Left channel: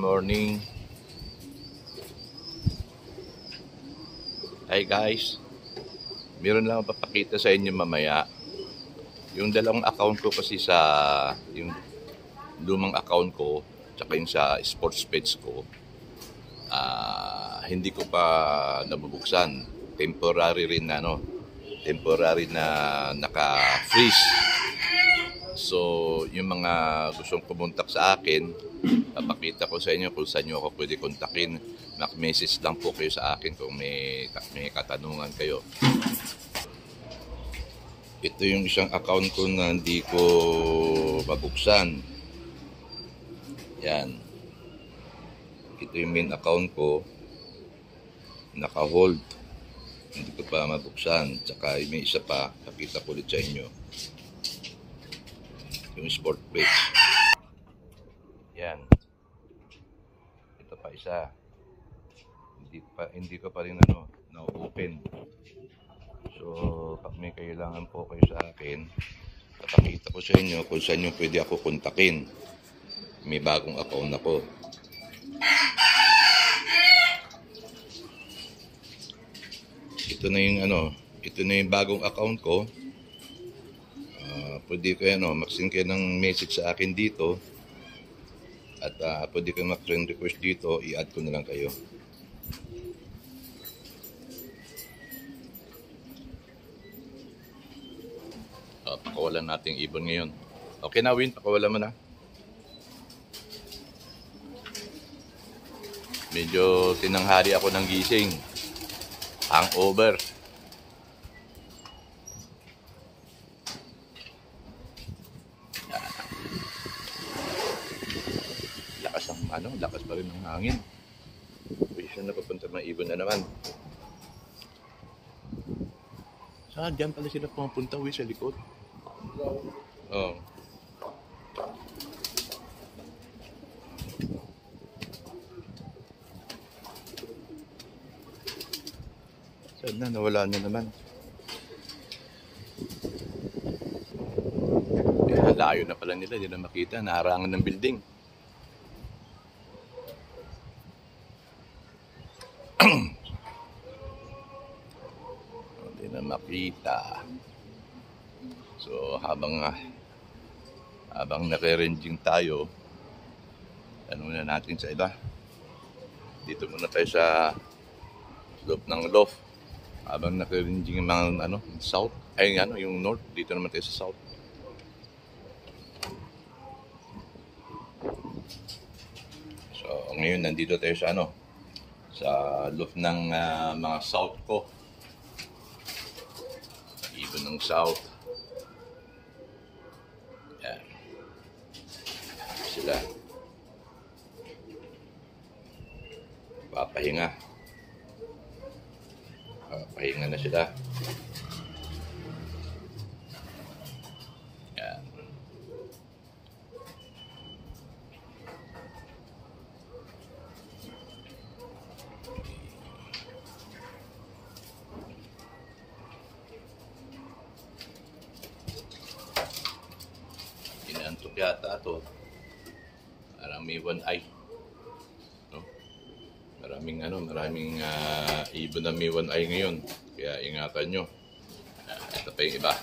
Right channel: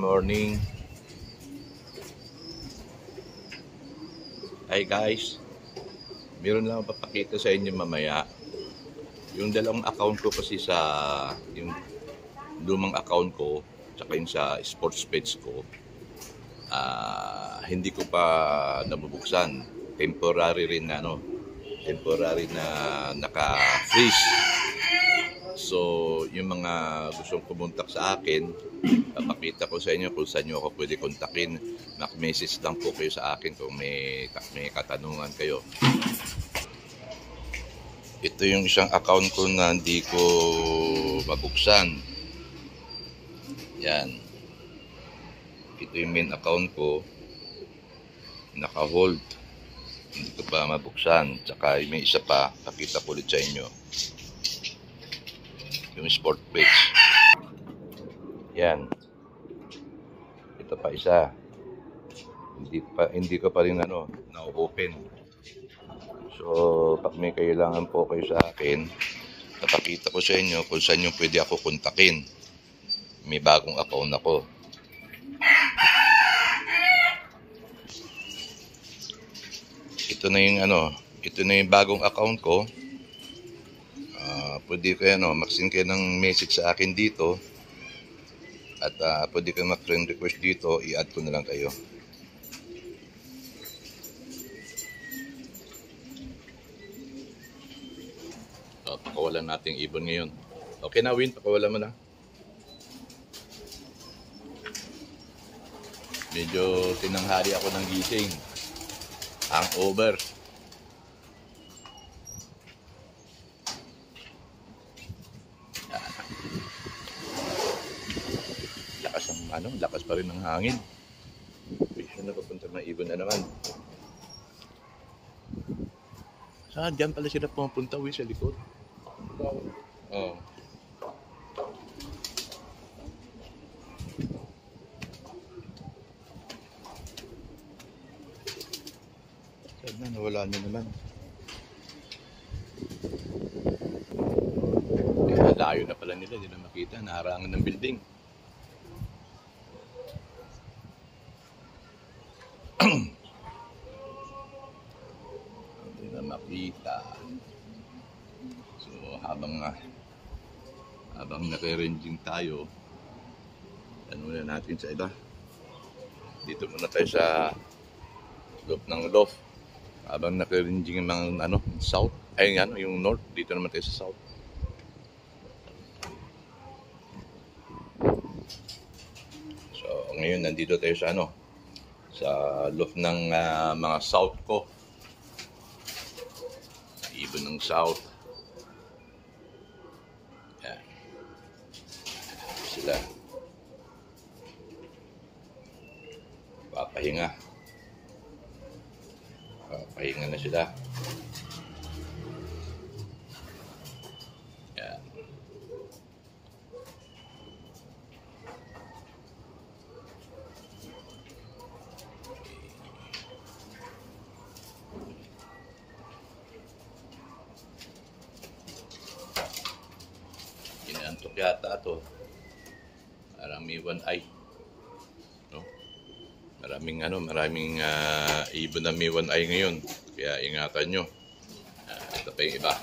morning. Hi guys, meron lang ako papakita sa inyo mamaya. Yung dalawang account ko kasi yung lumang account ko, tsaka yung sa sports page ko, hindi ko pa nabubuksan. Temporary na naka-freeze. So, yung mga gustong pumuntak sa akin, papakita ko sa inyo kung saan nyo ako pwede kontakin. Mag-message lang po kayo sa akin kung may katanungan kayo. Ito yung isang account ko na hindi ko mabuksan. Yan. Ito yung main account ko. Naka-hold. Hindi ko pa mabuksan. Tsaka may isa pa, pakita ko ulit sa inyo. Yung sport page. Yan. Ito pa isa. Hindi ko pa rin na-open. So, pag may kailangan po kayo sa akin, napakita ko sa inyo kung saan yung pwede ako kontakin. May bagong account ako. Ito na yung bagong account ko. Pwede kayo mag-send kayo ng message sa akin dito. At pwede kayo mag-friend request dito, i-add ko na lang kayo. Pakawalan natin ibon ngayon. Okay na, Win, pakawalan mo na. Medyo tinanghali ako ng gising. Hangover. Lakas pa rin ng hangin. Siya napapunta ng ibon na naman. Saan? Diyan pala sila pumapunta, sa likod. Oh. Saan na? Nawala na naman. Layo na pala nila. Hindi na makita. Naharangan ng building. Hindi na makita. So habang naka-ranging tayo, muna natin sa iba. Dito muna tayo sa loob ng loft. Habang naka-ranging yung mga south, yung north, dito naman tayo sa south. So ngayon nandito tayo sa sa loft ng mga south ko. Ibon ng south. Yan. Sila. Papahinga. Papahinga na sila. Yan. Inaantok yata ito. Parang may one eye. No? Maraming ibon na may one eye ngayon. Kaya ingatan nyo. Ito pa yung iba.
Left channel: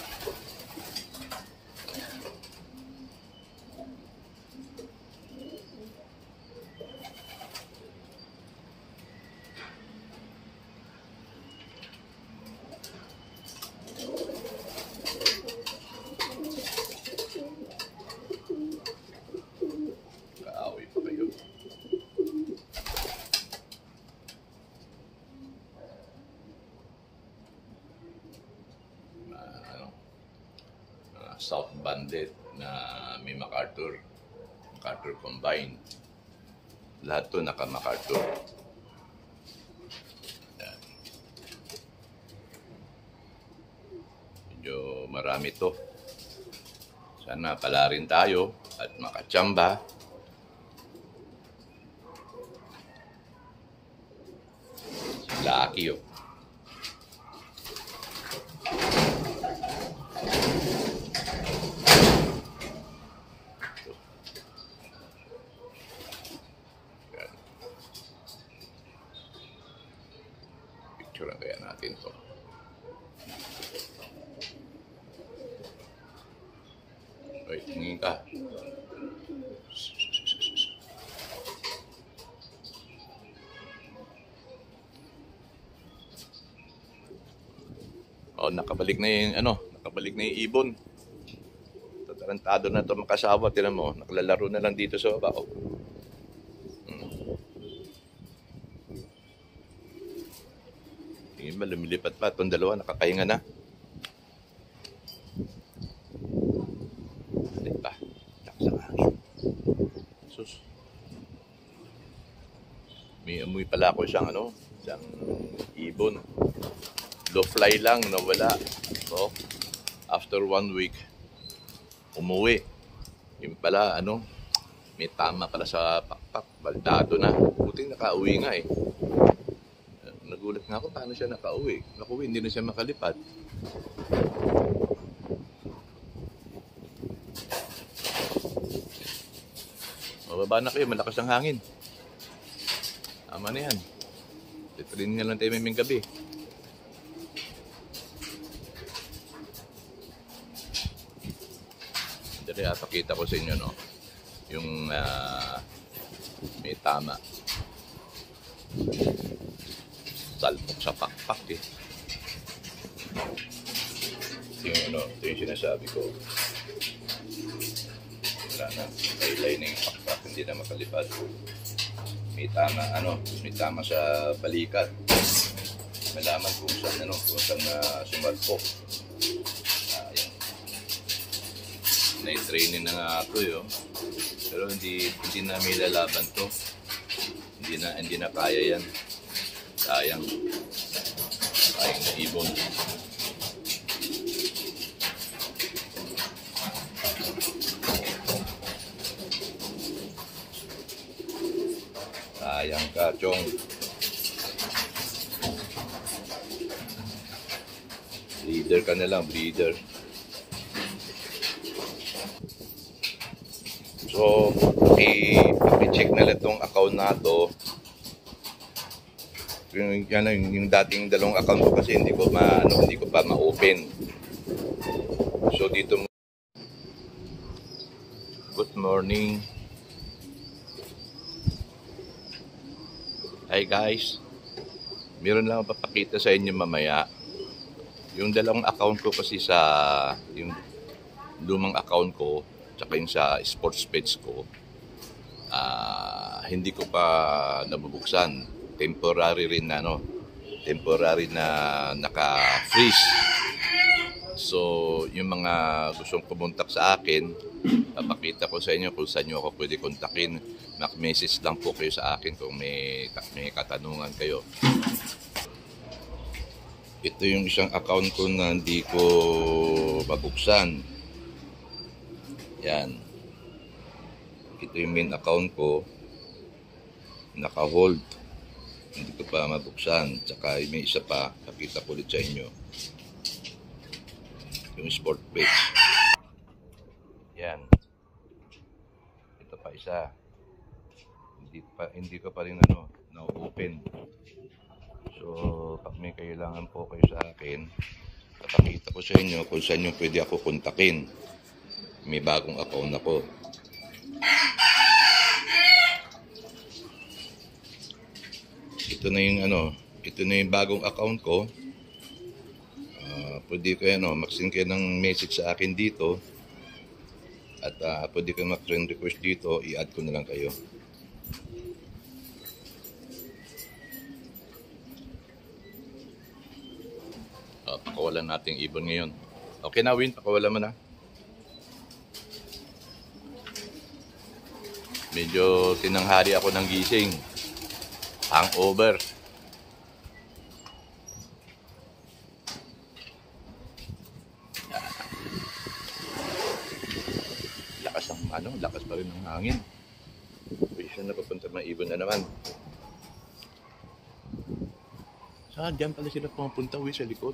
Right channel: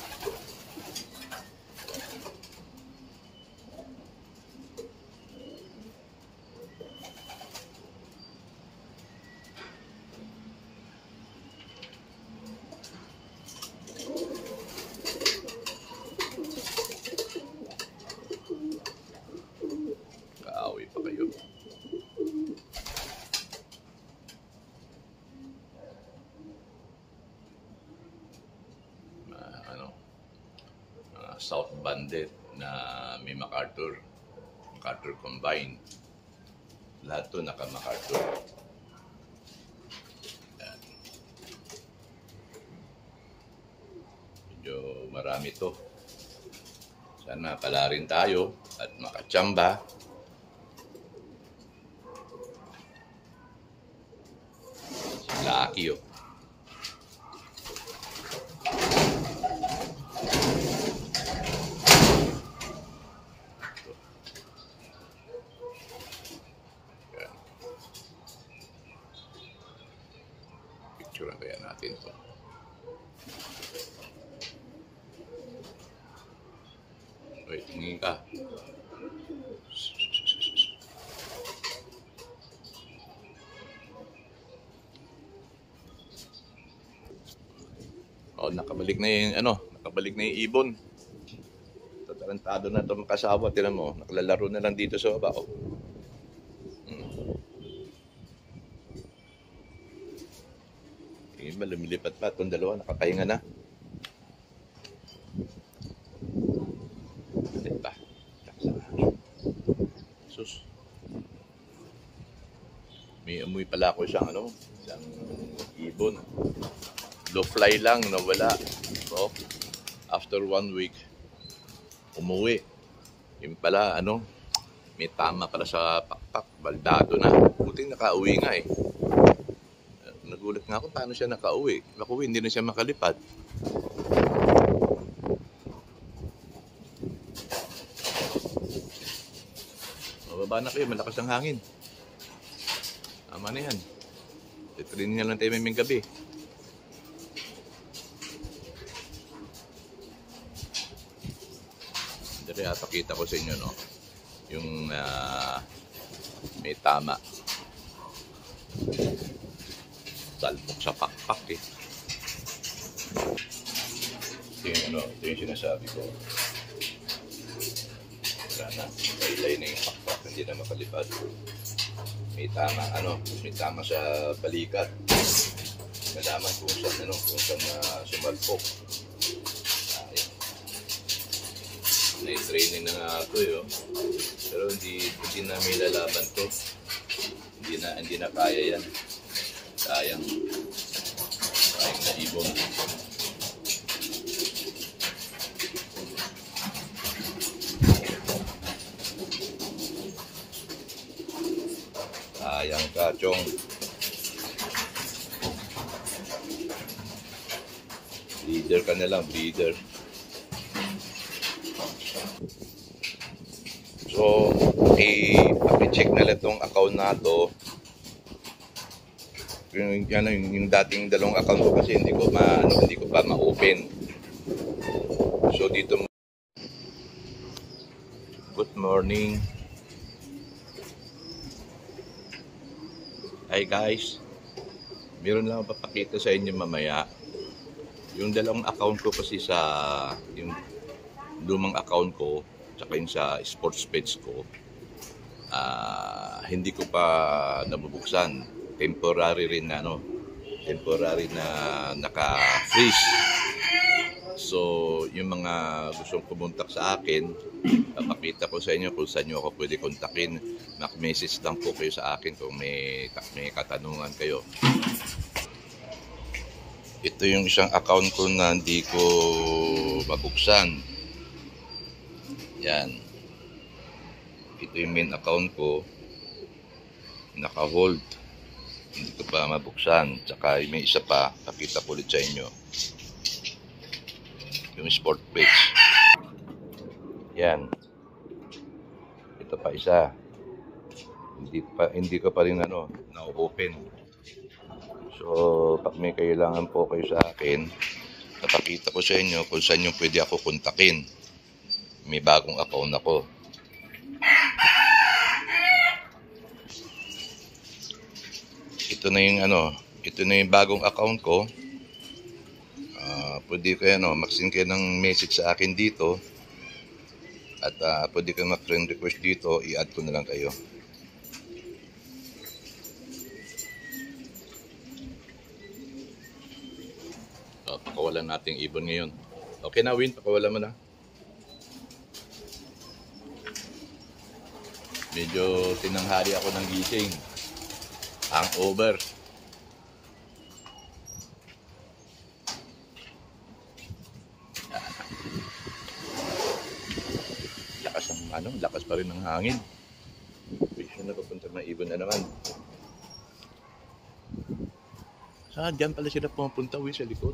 South Bandit na may MacArthur combined. Lahat to naka MacArthur. Yan. Medyo marami to. Sana pala rin tayo at makachamba. Lucky akin to. Wait, tingin ka. Oh, nakabalik na yung nakabalik na yung ibon. Tatarantado na 'to makasawa, tinan mo, naklalaro na lang dito sa baba. Oh. Tingin ba lumilipat pa itong dalawa, nakakahinga na. Balik pa. Sus. May amoy pala ako isang isang ibon. Low fly lang, nawala. So, after 1 week, umuwi. Yung pala, may tama pala sa pakpak. Baldado na. Buting nakauwi nga eh. Nagulat nga ako, paano siya nakauwi? Naku, hindi na siya makalipad. Mababa na kayo, malakas ang hangin. Tama na yan. Titrain nga lang tayo may gabi. Dali, pakita ko sa inyo, yung may tama. Salpok sa pakpak eh. Ito yung sinasabi ko. Wala na, laylay na yung pakpak, hindi na makalipad. May tama, may tama sa balikat. Malaman kung saan, sumalpok. Ayan. Na-training na nga ito eh. Pero hindi na may lalaban to. Hindi na kaya yan. Sayang. Sayang na ibon. Sayang ka, Chong. Breeder ka na lang, breeder. So, paki-check na lang itong account na to. Yung dating dalawang account ko kasi hindi ko pa ma-open. So dito, good morning. Hi guys. Meron lang ako papakita sa inyo mamaya. Yung dalawang account ko kasi yung lumang account ko tsaka yung sa sports page ko, hindi ko pa nabubuksan. Temporary na naka-freeze. So, yung mga gustong pumuntak sa akin, papakita ko sa inyo kung saan nyo ako pwede kontakin. Mag-message lang po kayo sa akin kung may katanungan kayo. Ito yung isang account ko na hindi ko mabuksan. Yan. Ito yung main account ko. Naka-hold. Hindi ko pa mabuksan. Tsaka may isa pa, pakita ko ulit sa inyo. Yung sport page. Yan. Ito pa isa. Hindi ko pa rin na-open. So, pag may kailangan po kayo sa akin, napakita ko sa inyo kung saan yung pwede ako kontakin. May bagong account ako. Ito na yung bagong account ko. Pwede kayo mag-send kayo ng message sa akin dito. At pwede kayo mag-friend request dito, i-add ko na lang kayo. Pakawalan natin ibon ngayon. Okay na, Win, pakawalan mo na. Medyo tinanghali ako ng gising. Hangover. Lakas pa rin ng hangin. Siya napapunta, mga ibon na naman. Saan? Diyan pala sila pumunta, sa likod.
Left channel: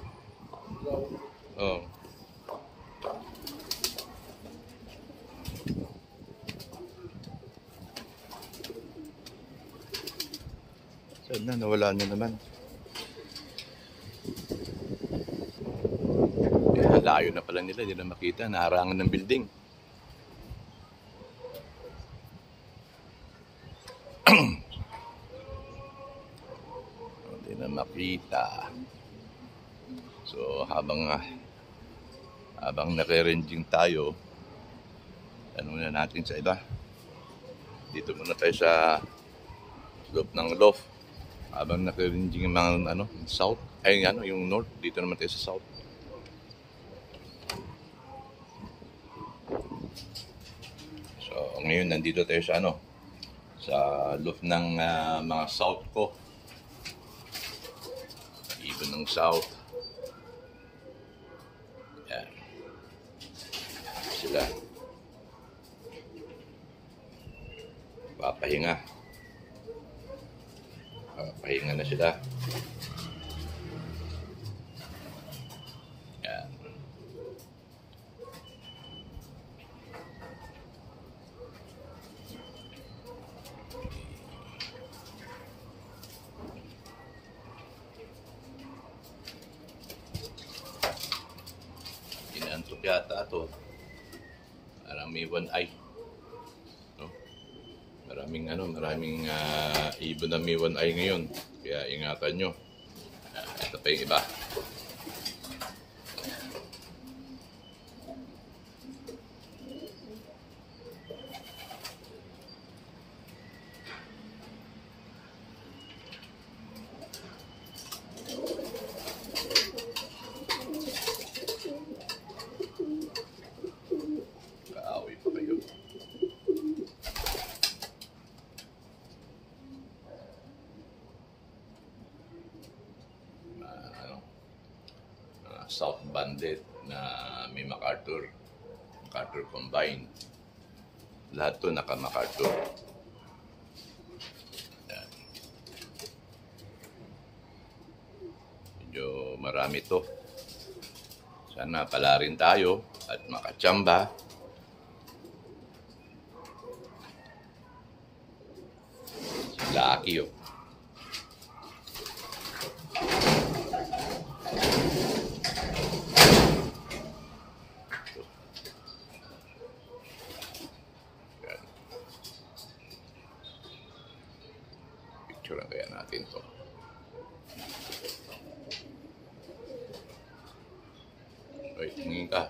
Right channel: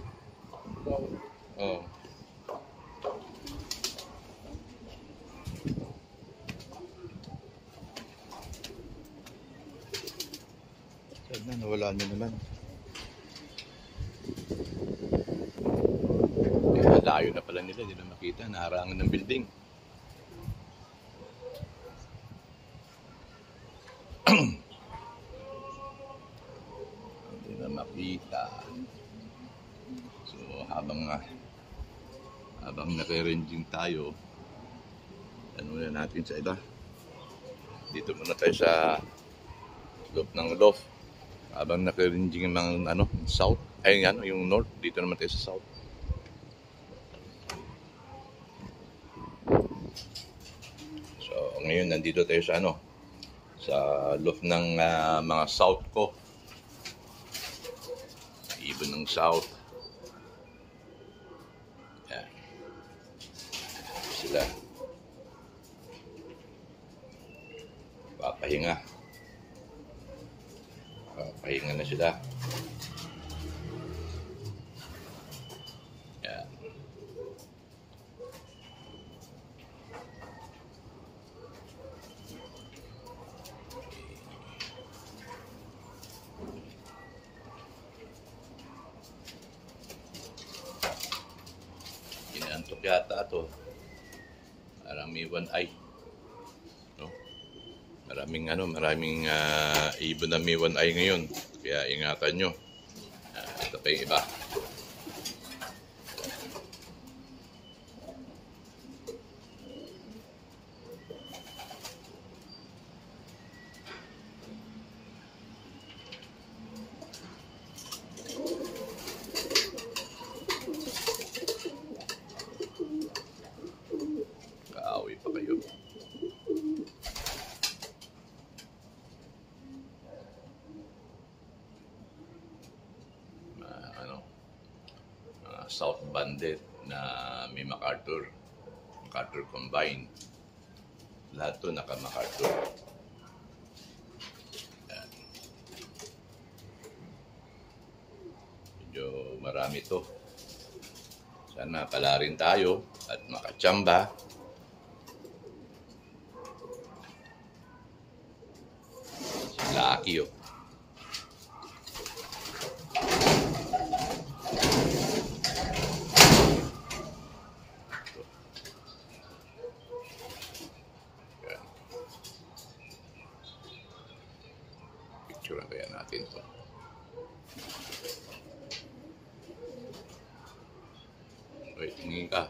Oh. Saan na? Nawala na naman. Layo na pala nila, hindi na makita, naharangan ng building. Hindi na makita. So habang naka-ranging tayo, ano na natin sa iba. Dito muna tayo sa loob ng loft. Habang naka-ranging yung mga south, ay yung north, dito naman tayo sa south. So ngayon nandito tayo sa sa loft ng mga south ko. Ibon ng south. Yan. Sila. Papahinga. Pahinga na sila. Yan. Inaantok yata ito. Parang may one eye. No? Maraming ibon na may one eye ngayon. Kaya ingatan nyo. Ito pa yung iba. Kaaway pa kayo. South Bandit na may MacArthur combined. Lahat to naka MacArthur. Yan. Medyo marami to. Sana pala rin tayo at makachamba. Si Lucky oh. Picturean kaya natin to. Wait, tingin ka.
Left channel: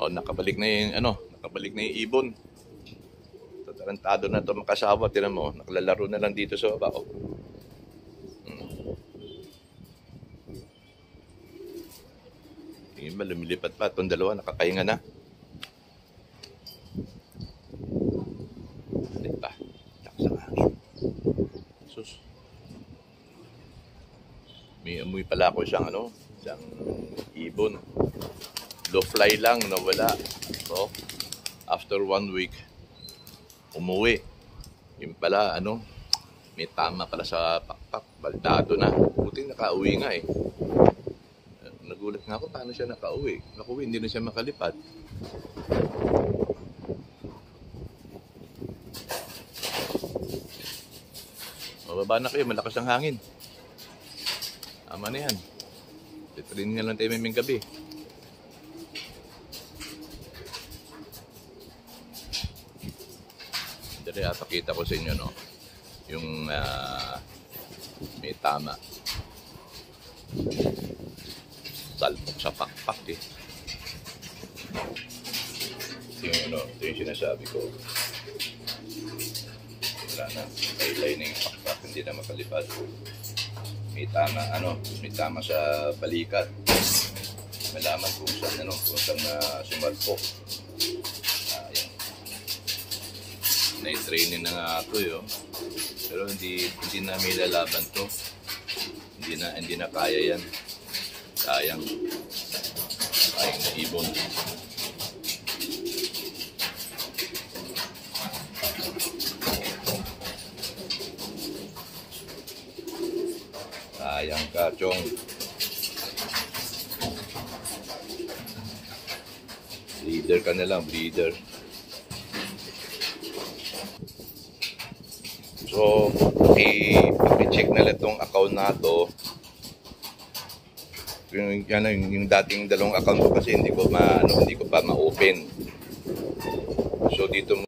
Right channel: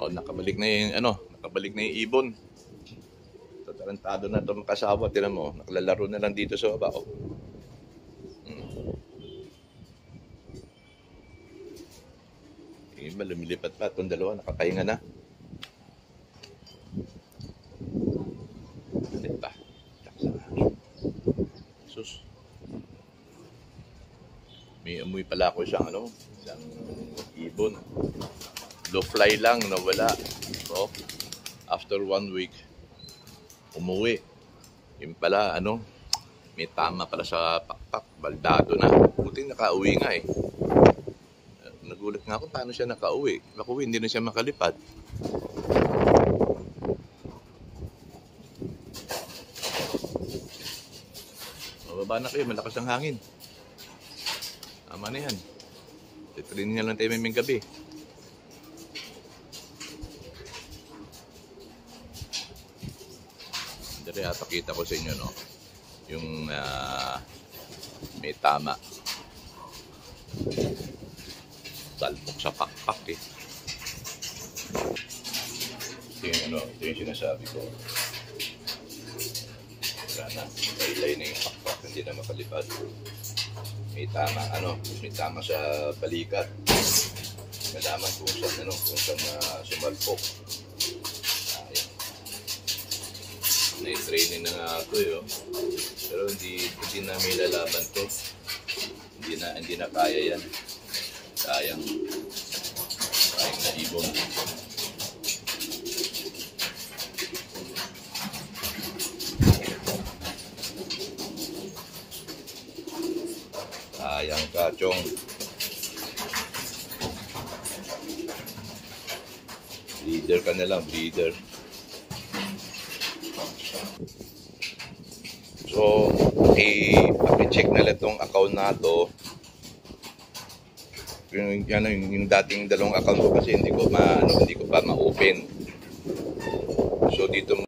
Oh, nakabalik na yung ibon. Tarantado na to makasawa, tinan mo, naklalaro na lang dito sa baba. Oh. Tingin ba, lumilipat pa. Itong dalawa, nakakahinga na. Balik pa. Sus. May amoy pala ako isang ibon. Low fly lang, nawala. So, after 1 week, umuwi. Yung pala, may tama pala sa pakpak. Baldado na. Buting nakauwi nga eh. Nagulat nga ako paano siya nakauwi. Nakuwi, hindi na siya makalipad. Mababa na kayo, malakas ang hangin. Tama na yan. Titrain nga lang tayo may gabi. Dali, pakita ko sa inyo, no? Yung may tama. Salpok sa pakpak eh. Ito yung sinasabi ko. Wala na, laylay na yung pakpak, hindi na makalipad. May tama sa balikat. Malaman kung saan sumalpok. Ayan. Na-training na nga ito eh. Pero hindi na may lalaban to. Hindi na kaya yan. Sayang na ibon. Sayang ka, Chong. Breeder ka na lang, breeder. So, paki-check na lang itong account na to. Yung dating dalawang account ko kasi hindi ko pa ma-open. So dito